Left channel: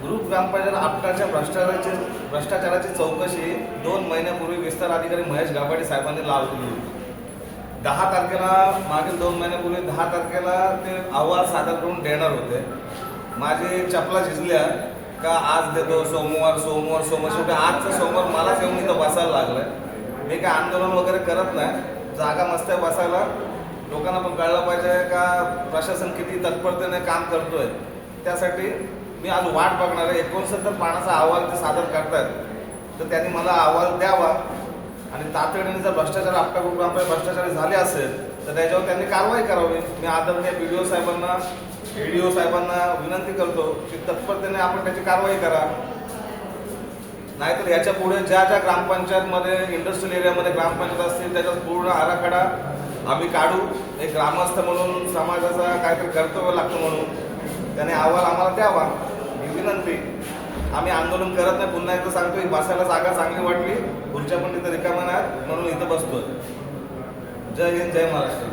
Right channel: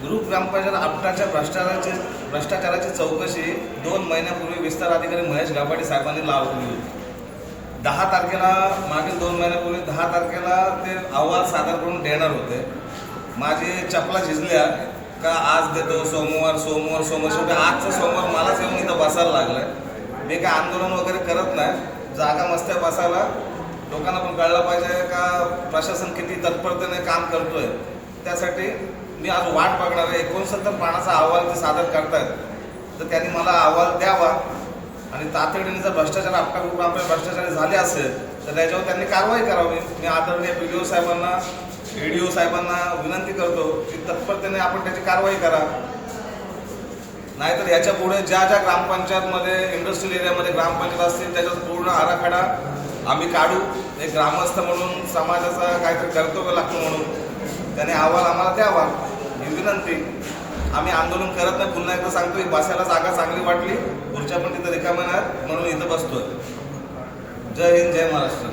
गुरु ग्रामपंचायत आपटाच्या भ्रष्टाचाराची चौकशी 2 महिन्यापूर्वी विस्तार अधिकारी महेश गाभाडे साहेबांनी लावली होती. 10 तारखेला मागील 2 महिन्यापूर्वी 10 तारखेला ते अहवाल सादर करून देणार होते. माझी चपला झिजल्या का आज देतो, सोमवार शेवटी आजचं सोमवार मलाच येऊन इथं बसायला लागलं. मी काय आंदोलन वगैरे करत नाही, जागा मस्त आहे बसायला. लोकांना पण कळलं पाहिजे का प्रशासन किती तत्परतेने काम करतोय. त्यासाठी मी आज वाट बघणार आहे. 69 पानाचा अहवाल ते सादर करतायत, तर त्यांनी मला अहवाल द्यावा आणि तातडीने जर भ्रष्टाचार आपटा ग्रुप भ्रष्टाचारी झाले असेल तर त्याच्यावर त्यांनी कारवाई करावी. मी आदरणीय PDO साहेबांना, ADO साहेबांना विनंती करतो की तत्परतेने आपण त्याची कारवाई करा. नाहीतर याच्या पुढे ज्या ग्रामपंचायतमध्ये इंडस्ट्रियल एरियामध्ये ग्रामपंचायत असतील त्याच्यात पूर्ण आराखडा आम्ही काढू. एक ग्रामस्थ म्हणून समाजाचा काहीतरी कर्तव्य लागतं म्हणून त्याने अहवाल आम्हाला द्यावा ही विनंती. आम्ही आंदोलन करत नाही. पुन्हा एकदा सांगतो, ही बसायला जागा चांगली वाटली, खुर्च्या पण तिथं रिकाम्या नाहीत म्हणून इथं बसतोय. जय हिंद, जय महाराष्ट्र.